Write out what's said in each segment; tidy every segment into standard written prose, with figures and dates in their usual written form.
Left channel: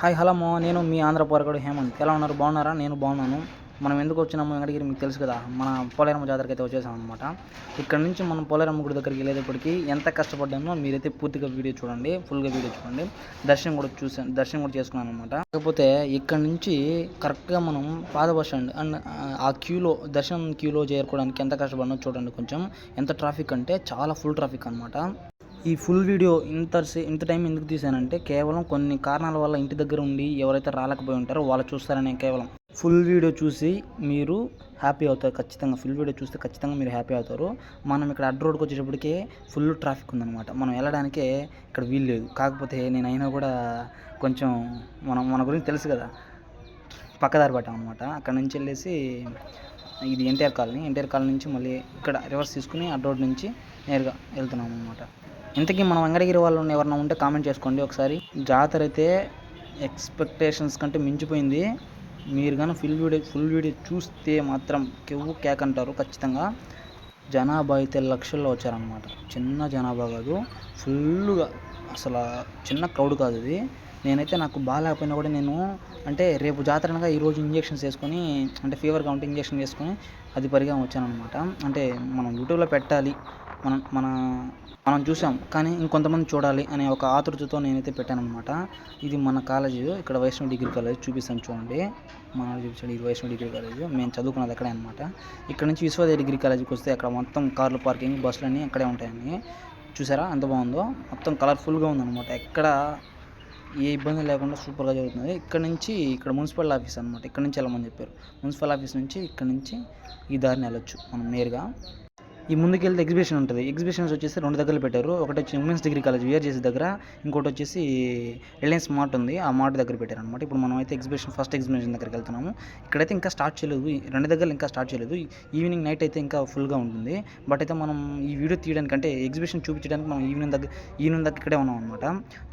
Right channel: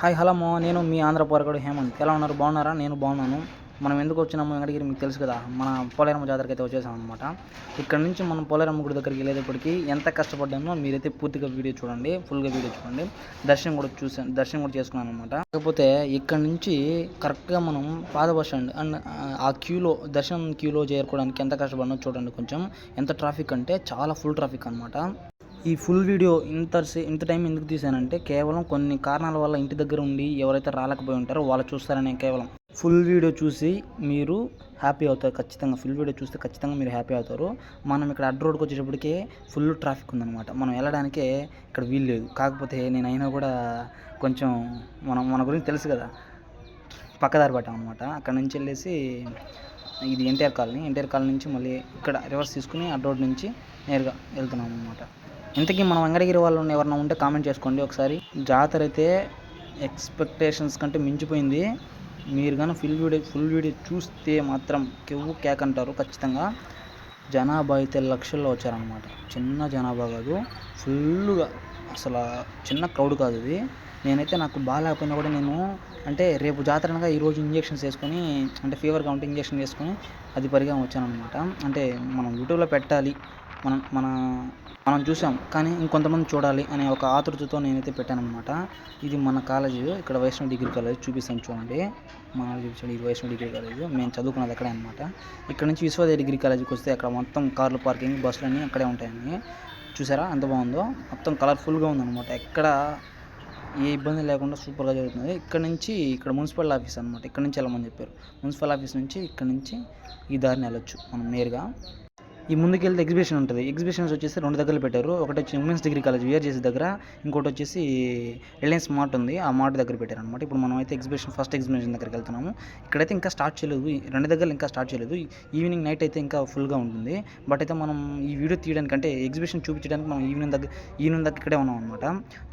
Hi hello నేను మీ ఆంధ్ర పోరగాడు హేమంత్. ఎలా ఉన్నారు? బాగున్నారా? నేను బాగున్నాను. మనం ఎందుకు వచ్చినాము వెంకటగిరి మీకు తెలుసు కదా. మన పోలేరమ్మ జాతరకి అయితే వచ్చేసాం అనమాట. ఇక్కడ నుంచి మనం పోలేరమ్మ గుడి దగ్గరికి వెళ్ళేటప్పటికి ఎంత కష్టపడ్డానో మీరైతే పూర్తిగా వీడియో చూడండి, ఫుల్గా వీడియో చూడండి. దర్శనం కూడా చేసుకున్నాను అనమాట. కాకపోతే ఇక్కడ నుంచి కరెక్ట్గా మనం పాత బస్ స్టాండ్ అండ్ ఆ దర్శనం క్యూలో చేరుకోవడానికి ఎంత కష్టపడినో చూడండి. కొంచెం ఎంత ట్రాఫిక్ అంటే చాలా ఫుల్ ట్రాఫిక్ అనమాట. ఈ ఫుల్ వీడియో ఇంత టైం ఎందుకు తీసానంటే కేవలం కొన్ని కారణాల వల్ల ఇంటి దగ్గర ఉండి ఎవరైతే రాలేకపోయి ఉంటారో వాళ్ళు చూస్తారనే. కేవలం ఫుల్ వీడియో చూసి మీరు హ్యాపీ అవుతారు ఖచ్చితంగా. ఫుల్ వీడియో చూస్తే ఖచ్చితంగా మీరు హ్యాపీ అవుతారు. మనం ఇక్కడ అడ్డ రోడ్కి వచ్చేటప్పటికే ఫుల్ ట్రాఫిక్ ఉందన్నమాట. మనం వెళ్ళడానికే ఇక్కడ వీలు లేదు. కాకపోతే నేను అయినా కూడా కొంచెం మన గురించి తెలుసు కదా, పక్కదారి పట్టాం అనమాట. అక్కడ నుంచి వెళ్ళేసి ఇది ఎన్టీఆర్ కాలనీ నుంచి మళ్ళీ ఇక్కడ రివర్స్ తీసుకుని అడ్డ రోడ్ నుంచి నేరుగా వెళ్తున్నాం అనమాట. ఇంతకీ మనం వెంకటగిరి వాళ్ళు ఎవరైనా ఉంటే కామెంట్ చేసుకోండి ఒకసారి. జాతర అయితే ఎక్స్పెక్టేషన్స్ కంటే మించిపోయింది. మీరు కానీ ఫుల్ వీడియో చూస్తే మాత్రం కేక్ అంటారు ఖచ్చితంగా. జనాభా అయితే లక్షల్లో వచ్చారనమాట. చిన్న జనాభా కాదు, ఫుల్గా అసలు చిన్న క్రౌడ్ కాదు ఇది. నేనైతే నాకు బాగాలేకపోయినా కూడా నేను అంటే రేపు జాతర అనగా ఈరోజు ఇంజెక్షన్స్ వేసుకొని, అంటే ఫీవర్గా ఉంటే ఇంజెక్షన్ వేసుకొని అది పరిగా వచ్చాను అనమాట. అంటే మనం యూట్యూబ్లో పెట్టాలి, మనం చూసాం కానీ ఇంకొంతమంది చూడాలి అనే ఒక ఆతృతతో నేనైతే పెట్టానమాట. ఇది మన కాలేజ్, ఇక్కడ వైష్ణవ్ డిగ్రీ కాలేజ్ చూపిస్తాను చూడండి. మన చూపించాడు ఇది వైష్ణవ్ డిగ్రీ కాలేజ్. మేము చదువుకున్నది అక్కడే అనమాట. ఇక్కడ నుంచి విశ్వోదయ డిగ్రీ కాలేజీకి వస్తే అక్కడ మొత్తం కార్లు పార్కింగ్, బస్సులు అన్నీ అక్కడే ఉంటాయని చూసారా ఎంత బాగుందో. మొత్తం కలర్ఫుల్గా ఉందన్నమాట. ఎక్కడ ఏ ఇబ్బంది లేకుండా సూపర్గా జరుగుతుంది. ఇక్కడ మున్సిపల్ ఆఫీస్ అనమాట. ఇక్కడ నుంచి వెళ్ళమని చెప్పారు. మున్సిపల్ ఆఫీస్ నుంచి ఇక్కడ నుంచి ఈ దారిని వెళ్ళొచ్చు మనం నేరుగా. ఈ ముందుకెళ్తే ఎగ్జిబిషన్ ఉంటుంది. ఎగ్జిబిషన్స్ వచ్చేసి 2 దగ్గరలు పెట్టారు. ఒకటి వచ్చి ఉమెన్స్ డిగ్రీ కాలేజ్ విఆర్జేసీ దగ్గర, ఇంకోటి వచ్చేసి రిలయన్స్ మార్ట్ ఉంది, ఆ మార్ట్ దగ్గర పెట్టారు అనమాట. ఇప్పుడు మనం అయితే ఫస్ట్ ఎగ్జిబిషన్ దగ్గరికి వెళ్తున్నాము. ఇక్కడైతే ఇంకా స్టార్ట్ చేయలేదు, 2 దగ్గరలు ఇంకా స్టార్ట్ చేయలేదు. ఈవినింగ్ నైట్ అయితే ఇంకా ఫుల్గా ఉంటుంది. బట్ అయితే మనం ఈ వీడియో తీయడానికి అంటే ఎగ్జిబిషన్ చూపించడానికి మనం ఈవినింగ్ దగ్గర ఇక్కడే ఉన్నాం అనమాట.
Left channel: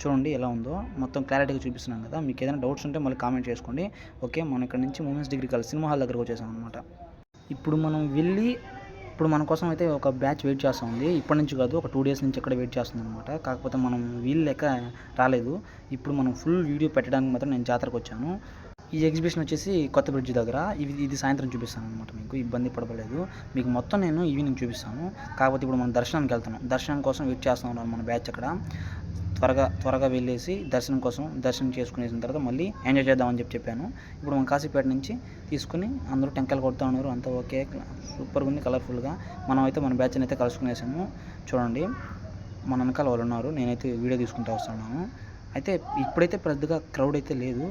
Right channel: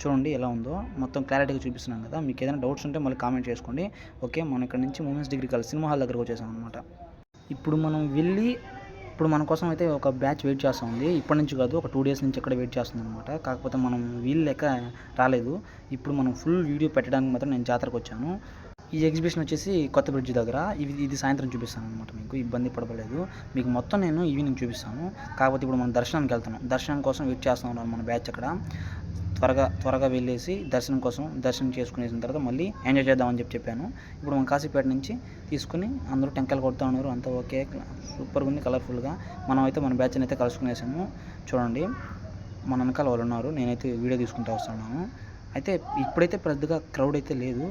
చూడండి ఎలా ఉందో మొత్తం క్లారిటీగా చూపిస్తున్నాం కదా. మీకు ఏదైనా డౌట్స్ ఉంటే మళ్ళీ కామెంట్ చేసుకోండి. ఓకే, మనం ఇక్కడ నుంచి women's degree college cinema hall దగ్గరకు వచ్చేసాం అనమాట. ఇప్పుడు మన కోసం అయితే ఒక బ్యాచ్ వెయిట్ చేస్తూ ఉంది. ఇప్పటి నుంచి కాదు, ఒక 2 డేస్ నుంచి ఇక్కడ వెయిట్ చేస్తుంది అనమాట. కాకపోతే మనం వీలు లేక రాలేదు. ఇప్పుడు మనం ఫుల్ వీడియో పెట్టడానికి మాత్రం నేను జాతరకు వచ్చాను. ఈ ఎగ్జిబిషన్ వచ్చేసి కొత్త బ్రిడ్జ్ దగ్గర. ఇది సాయంత్రం చూపిస్తాను అనమాట. మీకు ఇబ్బంది పడలేదు. మీకు మొత్తం నేను ఈవినింగ్ చూపిస్తాను. కాకపోతే ఇప్పుడు మనం దర్శనానికి వెళ్తున్నాం. దర్శనం కోసం వెయిట్ చేస్తూ ఉన్నాం మన బ్యాచ్ అక్కడ. త్వరగా వెళ్ళేసి దర్శనం చేసుకునేసిన తర్వాత మళ్ళీ ఎంజాయ్ చేద్దామని చెప్పాను. ఇప్పుడు మనం కాశీపేట నుంచి తీసుకుని అందరూ టెంకాయలు కొడుతూ ఉన్నారు. అంతా ఓకే, సూపర్గా ఉంది, కలర్ఫుల్గా. మనం అయితే మన బ్యాచ్ని అయితే కలుసుకునేసాము. చూడండి మన వెనకాల వాళ్ళు ఉన్నారు. నేనైతే వీడియో తీసుకుంటూ వస్తున్నాను. అయితే ఇప్పుడైతే పెద్దగా క్రౌడ్ అయితే లేదు.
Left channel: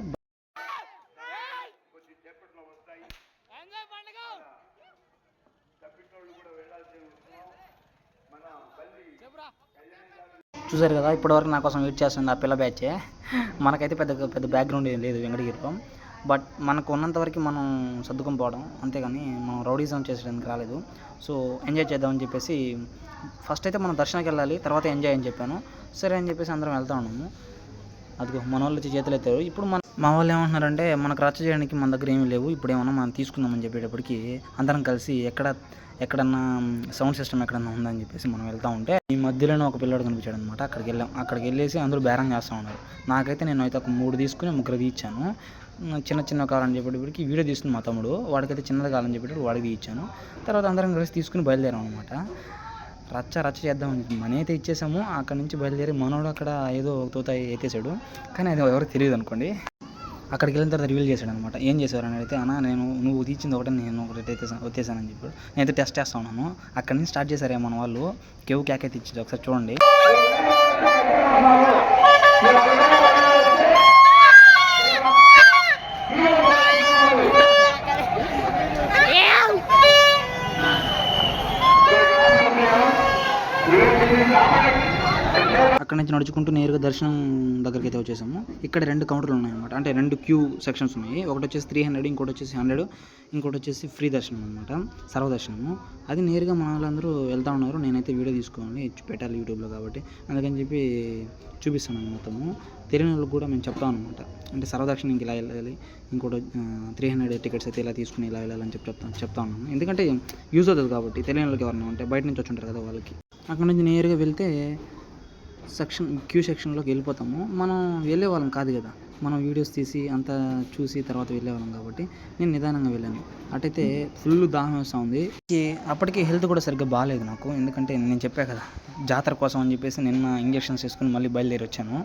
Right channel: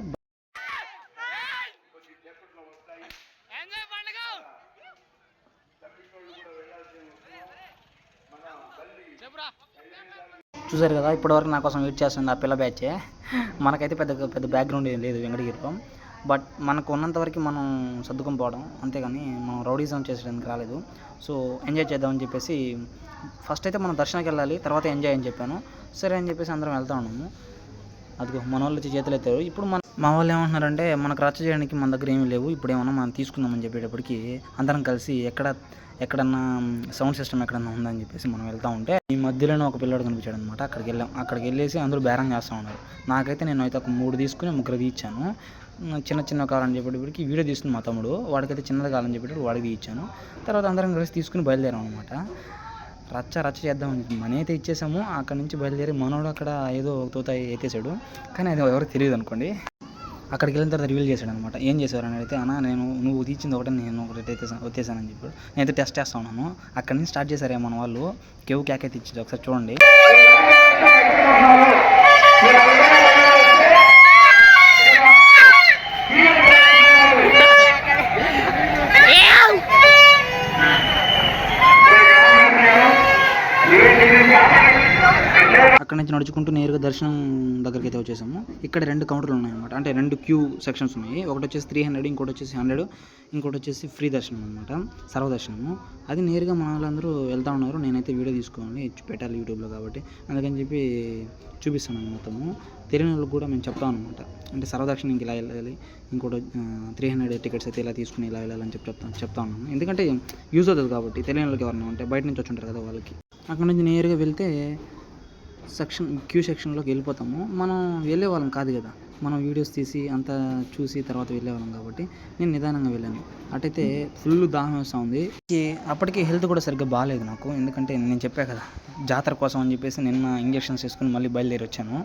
చూసారు కదా, ఇప్పటివరకు నా కోసం వెయిట్ చేస్తుంది ఆ పిల్ల బ్యాచే. మనకైతే పెద్ద బ్యాక్గ్రౌండ్ ఏం లేదు వెంకటగిరిలో. బట్ మనకు ఉన్నంతవరకు మనం సర్దుకొని పోవడం, అంతేగాని మనం రౌడీజం చేసేయడానికి రాలేదు. సో ఎంజాయ్ చేద్దామని చెప్పేసి ఫస్ట్ అయితే మనం దర్శనానికి వెళ్ళాలి, తర్వాత ఎంజాయ్ అని చెప్పాను. సరే అని చెప్పేసి అందరం వెళ్తా ఉన్నాము. అదిగో మన వాళ్ళు వచ్చి చేతులు ఎత్తారు. ఇప్పుడు మా వాళ్ళు ఏమంటున్నారంటే మనకు రచ్చ చేయడానికి మన దగ్గర ఏమీ లేవు, ఇప్పుడు ఏమన్నా మనం తీసుకుందామని చెప్పేటప్పటికి అందరం కలిసి ఎక్కడన్నా సౌండ్ సిస్టమ్ ఎక్కడన్నా ఉందని చెప్పేసి మనం వెళ్తూ ఉంటే ఈ మధ్యలోనే ఒక పిల్లడు కనిపించాడు అనమాట. అక్కడికి వెళ్ళేసి అందరూ బేరం చేస్తూ ఉన్నారు. నాకైతే నేను అయితే ఒక 3 తీసుకుని 3 ఇచ్చాను. చిన్న కావాలని చెప్పేటప్పటికి వీడియో తీసుకుని మా తమ్ముడు, వాడికైతే చిన్నది కావాలని చెప్పేటప్పుడు వాడికి ఇచ్చాను. తర్వాత అందరం కలిసి తీసుకుని బయలుదేరాం అనమాట. రచ్చ చేద్దామని మనీ అయితే ఇచ్చేసాము. అక్కడ నుంచి బయలుదేరి మనోడు అక్కడ ఏదో తోత ఎత్తేసాడు, కానీ అది ఎవరికి తెలియదు అనుకోండి. అక్కడికి వెళ్ళిన తర్వాత రివీల్ చేశాడు అనమాట. ఏం చేశారని అయితే, అన్న నువ్వు తీసింది ఒకటే, నేను ఒకటి వచ్చేసానని చెప్పాడు. నేనైతే టెస్ట్ చేస్తా ఉన్నాను. అక్కడి నుంచి స్టార్ట్ చేశారే మన వాళ్ళు. కేక్ అయితే ఇచ్చారు, ఒకసారి చూడండి. అక్కడ నుంచి నడుచుకుంటూ నేరుగా దర్శనం దగ్గరికి అయితే వచ్చేసాము. ఇక్కడ 2 కౌంటర్లు ఉన్నాయన్నమాట. అంటే 2 క్యూ సెక్షన్స్ ఉన్నాయి. ఒకటి వచ్చేసి 300, ఇంకోటి వచ్చేసి 100, ఇంకోటి వచ్చేసి ఫ్రీ దర్శనం అనమాట, సర్వదర్శనము. అది నేరుగా మన వాళ్ళందరూ వెళ్తూ ఉన్నారు. నేనైతే వీడియో తీసుకోవాలి, పెట్టాలి యూట్యూబ్లో కాబట్టి అందుకని చెప్పి చూపిస్తాను మొత్తము. తెలియని వాళ్ళకి కూడా మేము చెప్తాం అనమాట. అంటే సర్వదర్శనంకి ఇలా వెళ్ళాలి, ఇంకోటి 300 టికెట్స్ అయితే ఇలా తీసుకుని ఇలా వెళ్ళాలని చెప్తా ఉన్నాను. ఎందుకంటే యూజ్ అవుతుంది కాబట్టి. తెలియని వాళ్ళకి ఎవరైనా ఉంటే బయట నుంచి వచ్చి ఉంటారు కదా వాళ్ళకి. అక్కడ నుంచి నేరుగా వెళ్తే క్యూ సెక్షన్లోకి వెళ్ళిపోతాము. మనం వెళ్ళే వాళ్ళం కాదు కదా, మనం వీడియోస్ తీసి అంతా చూసి తర్వాత వెళ్ళేవాళ్ళం కాబట్టి నేను నిదానంగా వెళ్ళాను. అటైతే ఫుల్ దాహం వేస్తూ ఉంది. అప్పటికి హెల్త్ కూడా సరిగ్గా బాగాలేదు నాకు. ఎందుకంటే నేను చెప్పా కదా, జాతర కోసం అని చెప్పేసి నిన్న ఇంజెక్షన్స్ వేసుకుని మళ్ళీ బయలుదేరి వచ్చాను.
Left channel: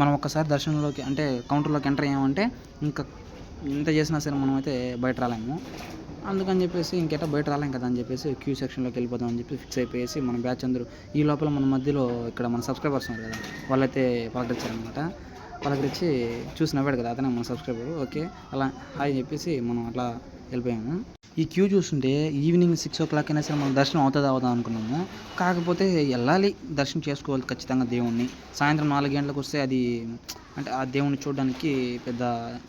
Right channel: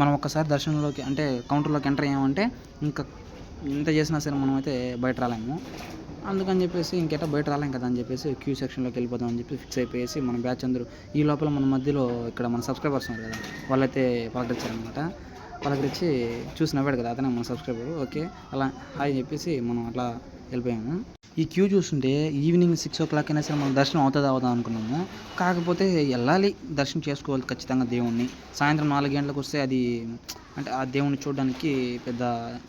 మనం ఒక్కసారి దర్శనంలోకి అంటే కౌంటర్లోకి ఎంటర్ అయ్యామంటే ఇంకా ఎంత చేసినా సరే మనం అయితే బయట రాలేము. అందుకని చెప్పేసి ఇంకెటా బయట రాలేం కదా అని చెప్పేసి క్యూ సెక్షన్లోకి వెళ్ళిపోదాం అని చెప్పి ఫిక్స్ అయిపోయేసి మన బ్యాచ్ అందరూ ఈ లోపల మన మధ్యలో ఇక్కడ మన సబ్స్క్రైబర్స్ ఉన్నారు కదా, వాళ్ళైతే పలకరించారనమాట. పలకరించి చూసి నవ్వాడు కదా, అతనే మన సబ్స్క్రైబర్. ఓకే అలా హాయ్ చెప్పేసి మనం అట్లా వెళ్ళిపోయాము. ఈ క్యూ చూస్తుంటే ఈవినింగ్ 6 o'clock అయినా సరే మనం దర్శనం అవుదా అనుకున్నాము. కాకపోతే వెళ్ళాలి, దర్శనం చేసుకోవాలి ఖచ్చితంగా దేవుణ్ణి. సాయంత్రం 4 గంటలకు వస్తే అది అంటే ఆ దేవుణ్ణి చూడడానికి పెద్ద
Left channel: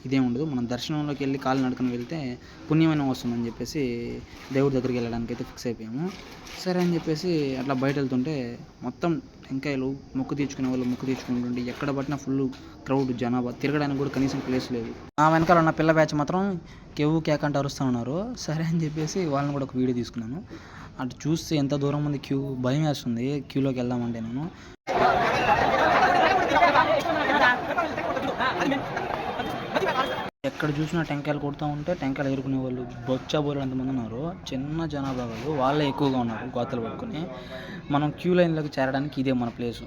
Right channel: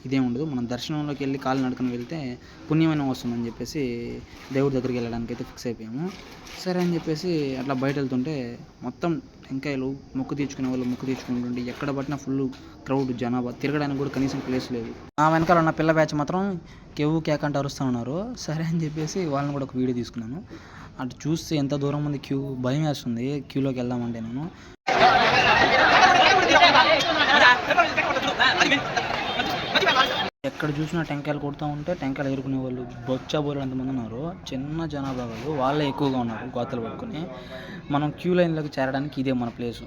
ఇదేం ఉండదు. మనం దర్శనంలోకి వెళ్ళి కాలు నడుకుని వెళ్తే పుణ్యమైన వస్తుందని చెప్పేసి దేవుడి దగ్గరికి వెళ్ళడానికి అయితే ఫిక్స్ అయిపోయాము. సరే అని చెప్పేసి అట్లా బయట వెళ్తుంటే మొత్తం టెంకాయలు మొక్కు తీర్చుకునే వాళ్ళు మొక్కు తీర్చుకుంటుంటే ఎక్కడ పట్టినా ఫుల్ క్రౌడ్, జనాభా, తిరగడానికి కూడా కనీసం ప్లేస్ లేదు. ఆ వెనకాల ఉన్న పిల్ల బ్యాచ్ మాత్రం కేవు కేక అంటే అరుస్తూ ఉన్నారు. సరే అని చెప్పేసి వాళ్ళని కూడా ఒక వీడియో తీసుకున్నాను. అటు చూస్తే ఎంత దూరం ఉంది క్యూ, భయం వేస్తుంది క్యూలోకి వెళ్దామంటే. నేను ఎక్కడ చూసినా టెంకాయలు కొడుతూ ఉంటే టెంకాయలు ఎదుర్కొనే వాళ్ళు బొచ్చాబోలు ఎంతమంది ఉన్నారు. చిన్న జనాభా వాళ్ళు, వాళ్ళే ఎక్కువగా ఉన్నారు గోతలు పట్టుకొని. మనం క్యూ లైన్లోకి చేరడానికి ఇదే మన ప్లేసు.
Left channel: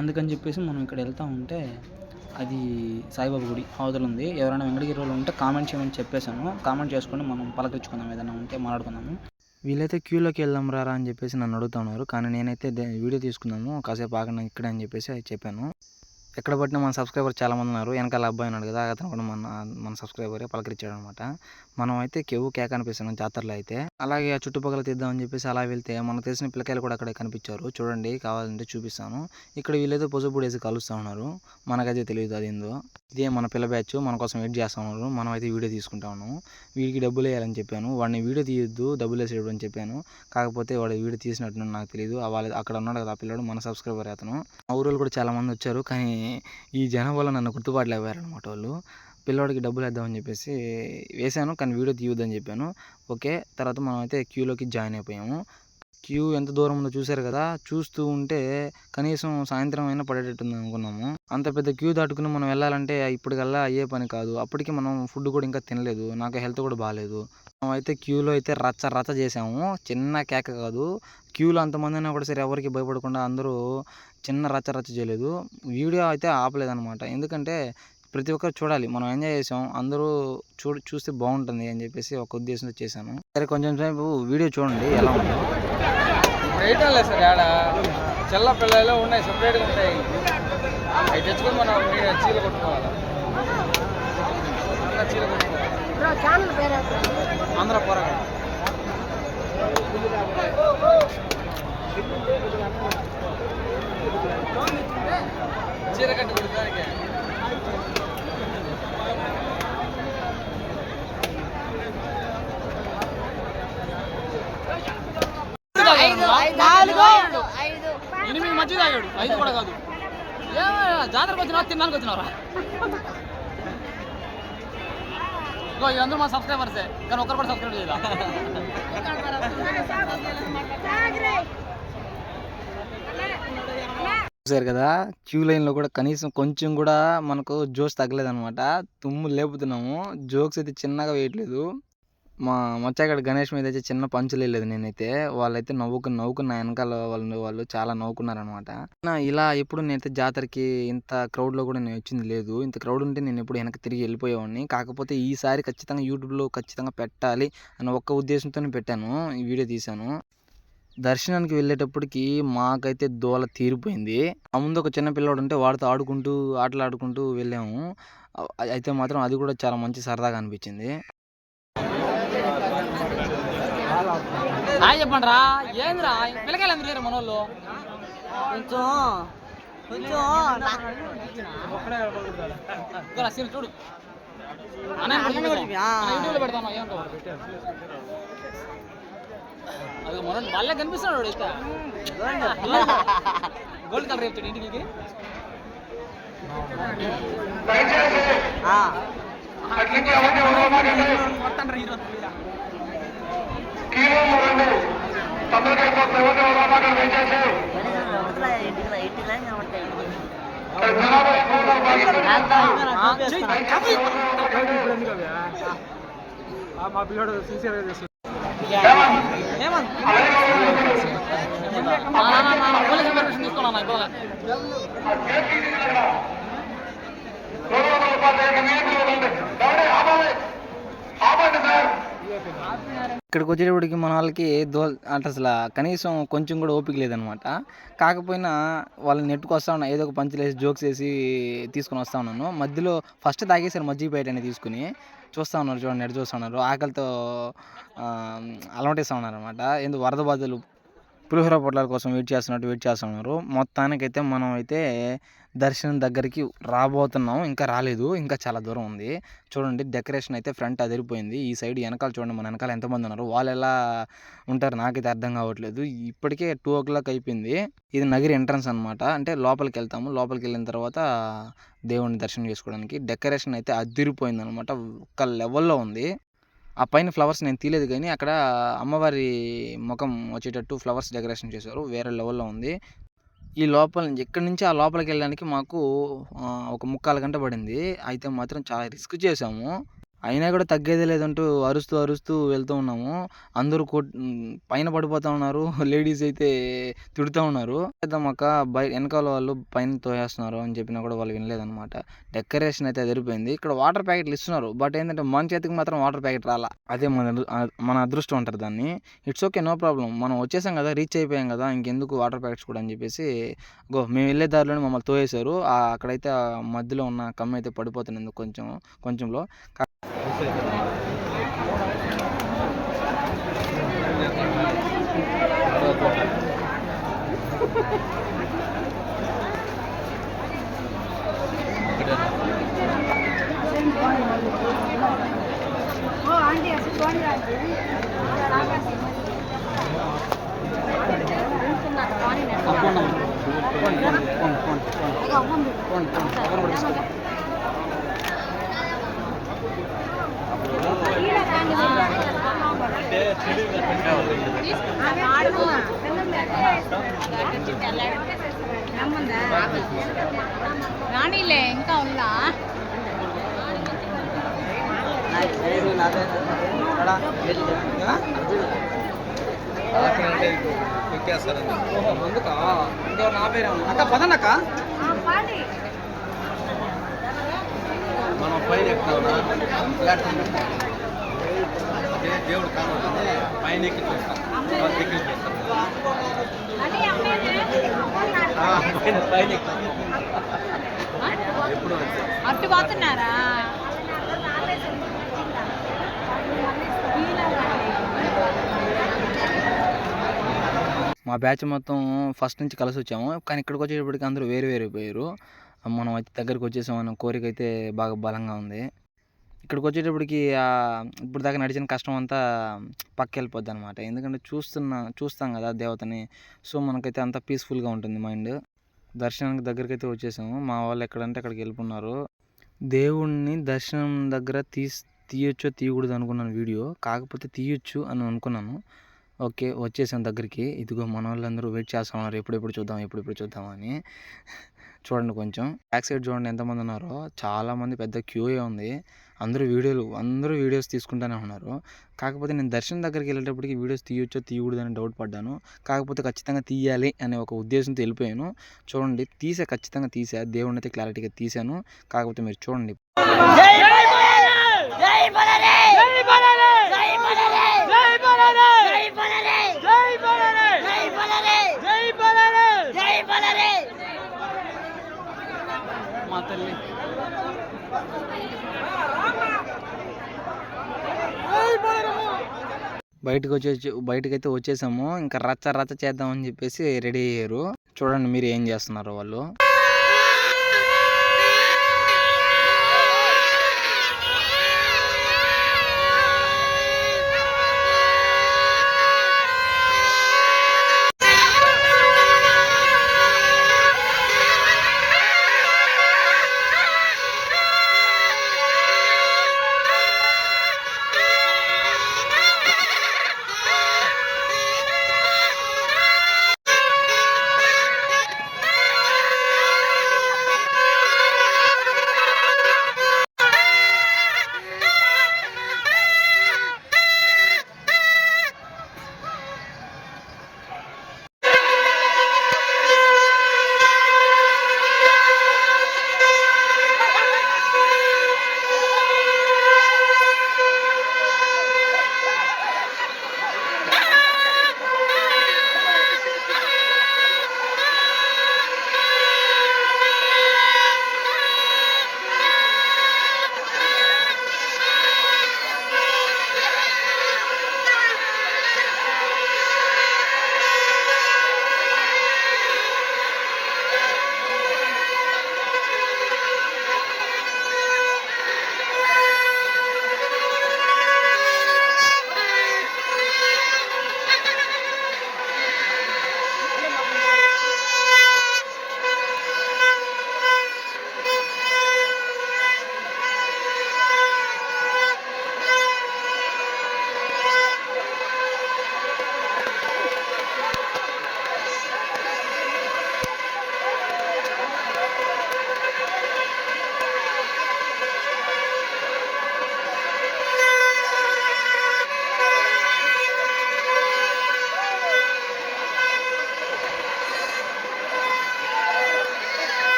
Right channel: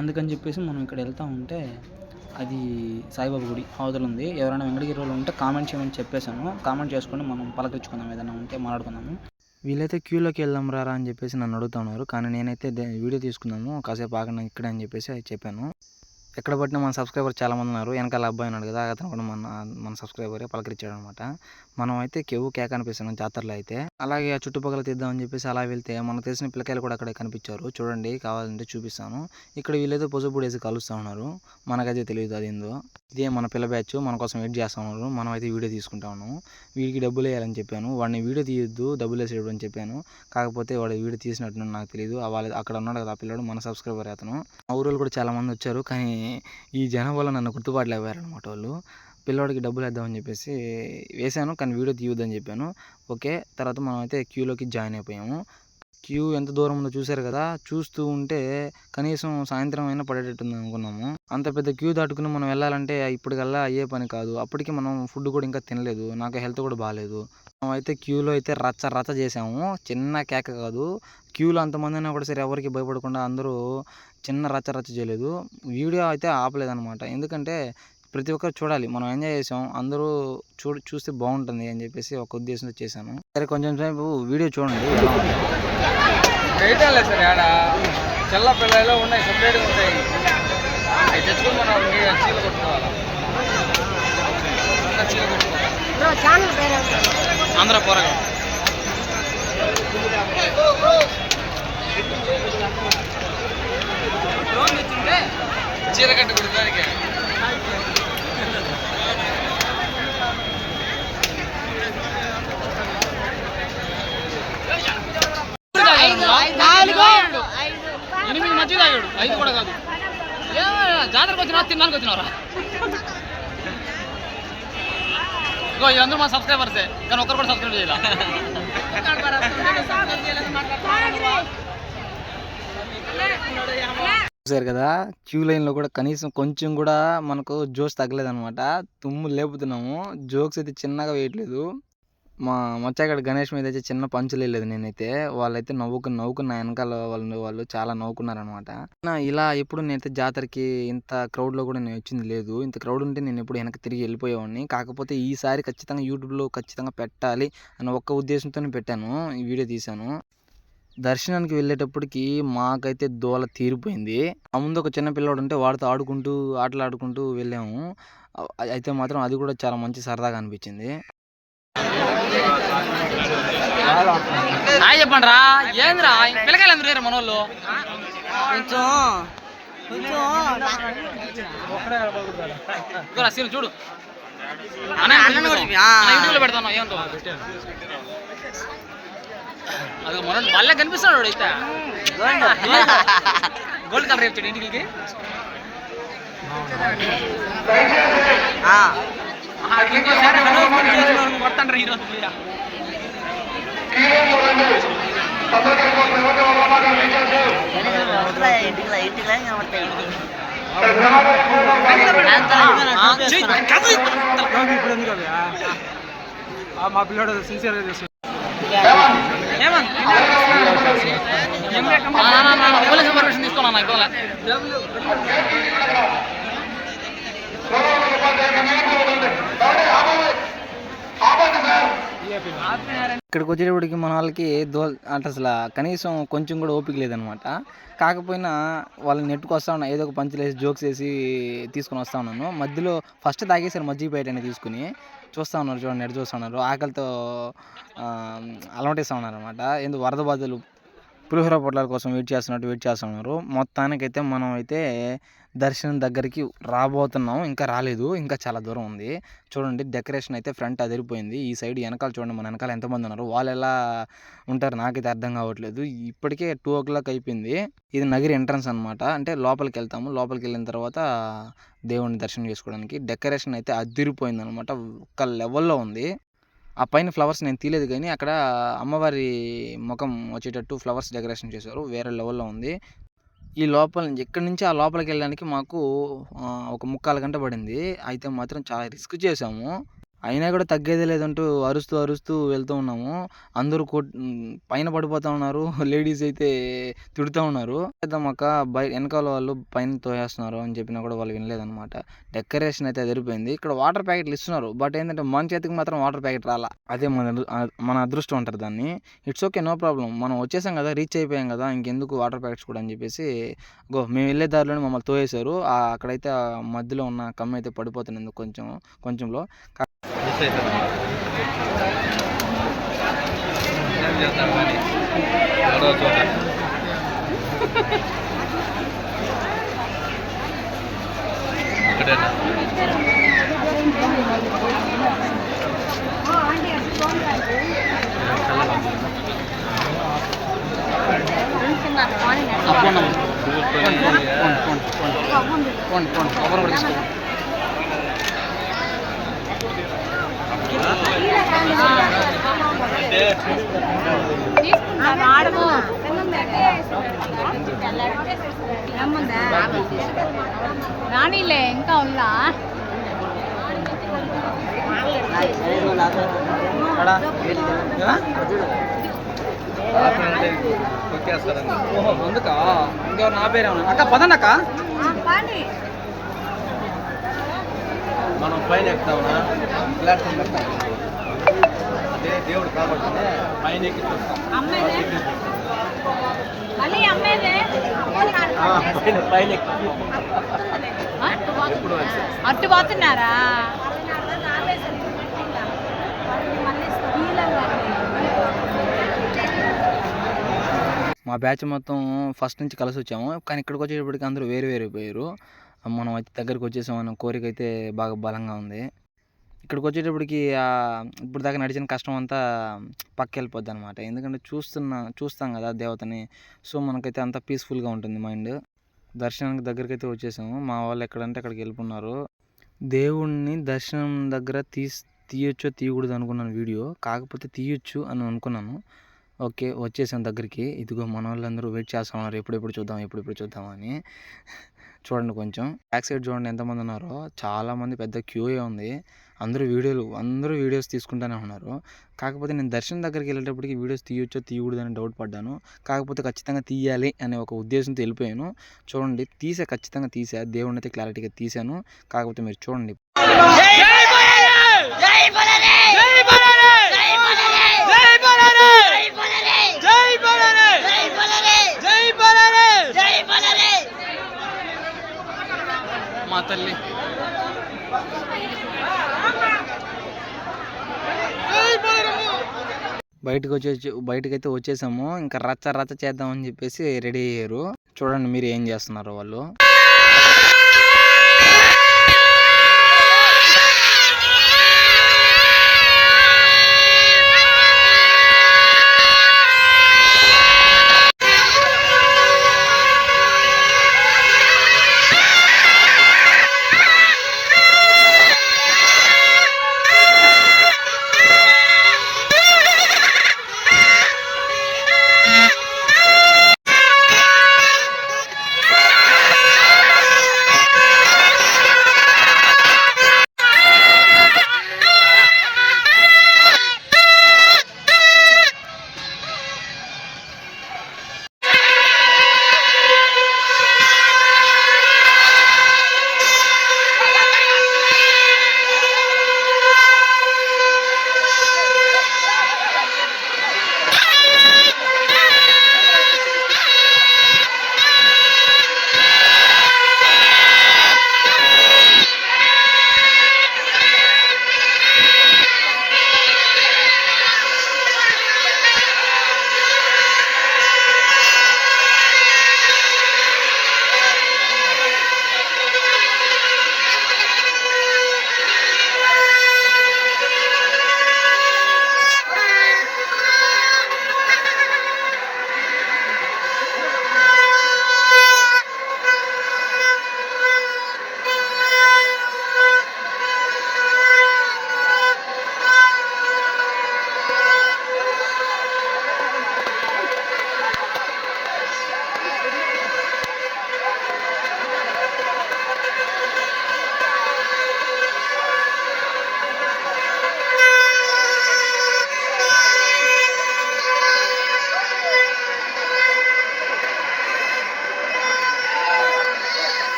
అందుకని చెప్పేసి మనం ఇక్కడ వెళ్తూ ఉంటే అది సాయిబాబా గుడి అవతల ఉంది. ఎవరైనా వెంకటగిరి వాళ్ళు ఉంటే కామెంట్ చేయమని చెప్పేశాను. కామెంట్ చేసుకొని మనం పలకరించుకుందాం, ఏదైనా ఉంటే మాట్లాడుకుందాము. వీళ్ళైతే క్యూలోకి వెళ్దాం రారా అని చెప్పేసి నన్ను అడుగుతున్నారు. కానీ నేనైతే వీడియో తీసుకున్నాము, కాసేపు ఆగండి ఇక్కడే అని చెప్పేసి చెప్పాను. ఎక్కడ పట్టినా మన సబ్స్క్రైబర్ చాలామంది ఉన్నారు. వెనకాల అబ్బాయి ఉన్నాడు కదా, అతను కూడా మన సబ్స్క్రైబరే పలకరించాడు అనమాట. మనం అయితే కేవు కేక అనిపిస్తున్నాం జాతరలో అయితే. అలాగే ఆ చుట్టుపక్కల తీద్దామని చెప్పేసి అలా వెళ్తే మనకు తెలిసిన పిల్లకాయలు కూడా అక్కడే కనిపించారు. చూడండి, కావాలంటే చూపిస్తాను. ఇక్కడ వీళ్ళైతే పసుపు వేసి కలుస్తూ ఉన్నారు. మనకైతే తెలియదు అది ఏందో. ఇదే మన పిల్ల బ్యాచ్ మన కోసం వెయిట్ చేస్తూ ఉన్నారు. మనం అయితే వీడియో తీసుకుంటా ఉన్నాము. వీడికి డబ్బులు వేయాలని చెప్పాను. వాడిని వీడియో తీయొద్దు, డబ్బులు వేసేయడం అని చెప్పాను. కాకపోతే వాడు వీడియో తీసినట్టు నాకు తెలియదు. వాళ్ళు అక్కడ ఉన్నాడు కదా ఆ పిల్లడు, మన సబ్స్క్రైబర్ అతను. ఆ ఊరు కూడా చాలా మంది వచ్చారు. కానీ ఈ జనం వల్ల నన్ను గుర్తుపట్టలేకపోయారనమాట వాళ్ళు. పిల్లవాడికి డబ్బులు వేద్దామని చెప్పేసి వేశాను, కానీ వీడియో తీయొద్దని చెప్పాను. ఓకే, తర్వాత మనం అయితే క్యూలోకి జాయిన్ అయిపోయాము. క్యూ ఎంత దూరం ఉందో చూశారు కదా. చూస్తూ ఉంటే కనీసం సాయంత్రం అయినా పడేటట్టుంది అనుకున్నాము. అంత పెద్ద క్యూ దాటుకుని మనం వెళ్ళాలంటే ఇప్పటికల్లా అయ్యే పని కాదు. అప్పటికి మనం ఫుడ్ కూడా ఇంకా తినలేదు, నాకు హెల్త్ కూడా బాగాలేదు. మనం అయితే క్యూలో అయితే రచ్చ చేసాము. చిన్న కేక కాదు, క్యూలో అంతమంది అయినా కూడా సరే ఎవరికి భయపడకుండా అందరూ చిన్న రచ్చ చేయలేదు. వీడియో అయితే ఆపలేదన్నమాట. ఎందుకంటే ప్రతి ఒక్కరు చూడాలి, మనం ఎంజాయ్ చేసాం, అందరూ చూస్తే బాగుంటుంది అని చెప్పేసి ఒక ఉద్దేశంతో చేశాను. సరే కొంచెం సేపు వీడియో చూడండి ఎలా ఉందో. చెల్ల పిల్లలు ఉన్నాయి, సపరేట్గా ఉంటాయి. అవి తెచ్చుకొని మనం చీలు కొట్టుకోవాలి. ఆంధ్ర పోరగా చీర కట్టు కొడుకోడానికి. ఎనిమిది మధ్య తాగాడు, 5 కూడా కాదు. జాతరకు వచ్చినా తినడానికి వచ్చినారా? వీళ్ళందరూ మా సబ్స్క్రైబర్సే, కానీ ఒక్కరు కూడా సబ్స్క్రైబ్ చేయాలి. చూసారు కదా, క్యూ లైన్లో కూడా కనీసం కొంచెం కూడా మనకు జోక్స్ తగ్గలేదనమాట. తుమ్ము లేపుతున్నాము, జోక్స్ అయితే చిన్నగా వేయట్లేదు. మా మచ్చాగడ గణేష్ మీద అయితే చిన్న పంచులు వెళ్ళలేదు నేనైతే. వాళ్ళైతే నవ్వుకున్న వెనకాల వాళ్ళు చాలా నవ్వుకున్నారనమాట. ఇలా ఎప్పుడు నేనైతే జాతరకి ఇంత క్రౌడ్లో కూడా నేను వచ్చింది లేదు. ఇంత క్రౌడ్ ఉంటే నేను ఎప్పుడు వెనక్కి తిరిగి వెళ్ళిపోయేవాడిని. కాకపోతే ఈసారి ఖచ్చితంగా యూట్యూబ్లో ఖచ్చితంగా పెట్టాలి అన్న ఒక్క ఉద్దేశంతోనే పెట్టాను, ఈ వీడియో తీశాను. దర్శనానికి వెళ్ళేటప్పటికి మాకైతే దోల తీరిపోయింది. ఆ ముందు ఒక చిన్న పిల్లవాడు ఉంటే వాడితో ఆటలాడుకుంటూ వెళ్ళాము. అయితే మాత్రం అది కూడా చాలా మంచి సరదాగా అనిపించింది. చెప్పండి రా, ఏంద్రా పిల్లకాయలు అందరూ రేరు మనోళ్ళు. కొంచెం చూడు యూట్యూబ్లో పెడతాను. ఏమంటో అది మన వాళ్ళే కనిపిస్తున్నాడు అయితే. గోల్డ్ కలర్ రేపు ఇంటికి కొడతాండ్రు ఈరోజు. మా పిల్లడు సిన్సియర్గా చేసి పోలీస్ పర్మిషన్ తీసుకున్నా ఇవ్వాలి. ఇక్కడికి వచ్చేటప్పటికి మన వాళ్ళకి అంటే అసలు కనీసం కొంచెం కూడా ఓపిక లేదనమాట. కాకపోయినా వాళ్ళని నెట్టుకు వస్తా ఉన్నా, ఏదో ఒక పంచులు వేసి జోక్స్ వేసి తీసుకొని వస్తా ఉన్నాను. మధ్యలో ఫస్ట్ తాగేసారు మజ్జిగ ప్యాకెట్ అనేది తీసుకుని చూస్తూ ఉన్నారు. చూడండి ఎటు చూస్తూ ఉన్నారు, ఆకలితో అలమటిస్తూ ఉన్నారు అనమాట. ఎందుకు వరద బాధలు పులిహోర పొట్లాల కోసం వెయిట్ చేస్తున్నారు. మొత్తానికైతే మనం అయితే దర్శనం దగ్గరికి రాబోతున్నాం. ఇంకా రాలేదు, ఇంకా చాలా దూరం ఉంది. చూడండి డెకరేషన్ అయితే ఫ్రంట్ అదిరిపోయింది. ఈ సైడ్ వెనకాల చూడండి, మన వెనకాల ఎంతమంది ఉన్నారు, వాళ్ళు ఎలా ఉంటారు నాకైతే అర్థం కావట్లేదు. ఇప్పటికే 2 o'clock అయిపోయింది. ఇది నగిరి ఎంట్రన్స్ అనమాట. అంటే లోపలికి వెళ్తాము. లోపలికి వెళ్ళిన తర్వాత దేవుడిని దర్శనం చేసుకోవడానికి డెకరేషన్ అయితే అదిరిపోయింది అనమాట. ఒక లెవెల్లో ఉంది. ఆ పైన ఫ్లవర్స్ నేను తీయలేదు, కానీ అక్కడ అమ్మవారి ముఖం వచ్చేటట్టు ఫ్లవర్స్ డెకరేషన్ చేశారు. వేరే లెవెల్లో ఉంది. ఈ లోపల ఇక్కడి నుంచి ఆ లోపలికి వెళ్ళడానికి మాకు ఒక 3/4 గంట పడింది. అయితే మాత్రం చాలా రిస్క్ చేసాము. అయినా కూడా తగ్గేదే లేదంటూ అరుస్తూ వెళ్తూ ఉన్నాము. అందరూ పైన పడిపోతూ ఉన్నారు. లేడీస్ అయితే తిడుతూ ఉన్నారు. అక్క వెనకాల వాళ్ళు పైన తోయేస్తున్నారు అని చెప్పినా కూడా వాళ్ళు వినలేదన్నమాట. డెకరేషన్ అయితే అదిరిపోయింది. ఇక్కడ వాటర్ ప్యాకెట్లు ఇస్తున్నారు. బట్ ఏంటంటే మన చేతికి మాత్రం వాటర్ ప్యాకెట్ రాలా. అదే మన అదృష్టం అంటారు దాన్ని. It's okay, no problem. మనం వచ్చేసాం కదా, రీచ్ అయిపోయాం కదా, ఇంకెందుకు వాటర్ ప్యాకెట్స్ కూడా అని చెప్పేసి మేము వెళ్ళే దారిలోనే మమ్మల్ని తోయేశారు. అక్కడైతే మధ్యలో ఉన్న కమ్మ అయితే పడిపోతుంది కొంచెంలో. ఏం చేస్తాం కానీ ఎవరో చోట ఒకటేనా రానిలే ఇంకా ఉందా అందుకా ఇంకో నా పేరు అక్క పదనక్క మనం పైన ఎక్కుతామా ప్లాట్ఫామ్ ఎక్కుతాం అంటే దేవుడు కాబట్టి పైన ఎక్కి చూస్తాం దగ్గర చూస్తాం పైన ఎప్పుడు అట్టు పోతున్నారా మా బ్యాచ్ మొత్తం ఫస్ట్ నుంచి కలిసి వచ్చాము. కానీ ఇక్కడికి వచ్చేటప్పటికి అందరూ వేరు పోయారు. మనం అయితే దగ్గరికి వచ్చేసామన్న కోరిక అయితే బాగా బలంగా ఉంది. ఇక్కడికి వచ్చేటప్పటికి ఇప్పుడు దాకా నడిచిన కష్టం అంతా పక్క వెళ్ళిపోద్ది అనమాట. ఎందుకంటే చూస్తాం కదా దేవతని. సో మనకైతే అంత పీస్ఫుల్గా ఉంటుంది మైండ్. దర్శనానికి దగ్గరికి అయితే వచ్చేసాము. మా వాళ్ళు ఎక్కడంటే అక్కడికి వెళ్ళిపోన్నారు. దేవుణ్ణి దర్శనం దగ్గర తీయొచ్చో తీయకూడదు అనుకున్నాను వీడియో. కాకపోతే తీయొచ్చు అని అనుకున్నాను. ఓకే, వచ్చేసాం దగ్గరికి. ఇదిగో మన వాళ్ళందరూ వెయిట్ చేస్తూ ఉన్నారు, ఎప్పుడెప్పుడు చూద్దామని. చూడండి కొంచెం బ్యాక్ సైడ్ చూడండి ఎంతమంది ఉన్నారో. చాలామంది పెద్ద క్యూఏ ఉంది. అందరూ వీడియోస్ తీసుకుంటూనే ఉన్నారు. కాకపోతే నేను దర్శనం దగ్గరికి వెళ్ళేటప్పటికి వీడియోస్ తీయొచ్చో తీయకూడదు అని డౌట్ పడ్డాను. కాకపోతే ఖచ్చితంగా తీయాలి అనే ఒక ఉద్దేశంతో వెళ్ళిపోయాను. చూడండి ఖచ్చితంగా తీసా. దేవుడిని అయితే క్లారిటీగా తీశాను. కాకపోతే మీరు చూడండి. మా తల్లి బయటకైతే వచ్చేసాము. ఇంకా రచ్చ చేద్దామని చెప్పేసి రెడీ అయ్యారు. చూడండి మీరు ఏం చేస్తున్నారు వాళ్ళు.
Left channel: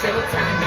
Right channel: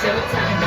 Showtime.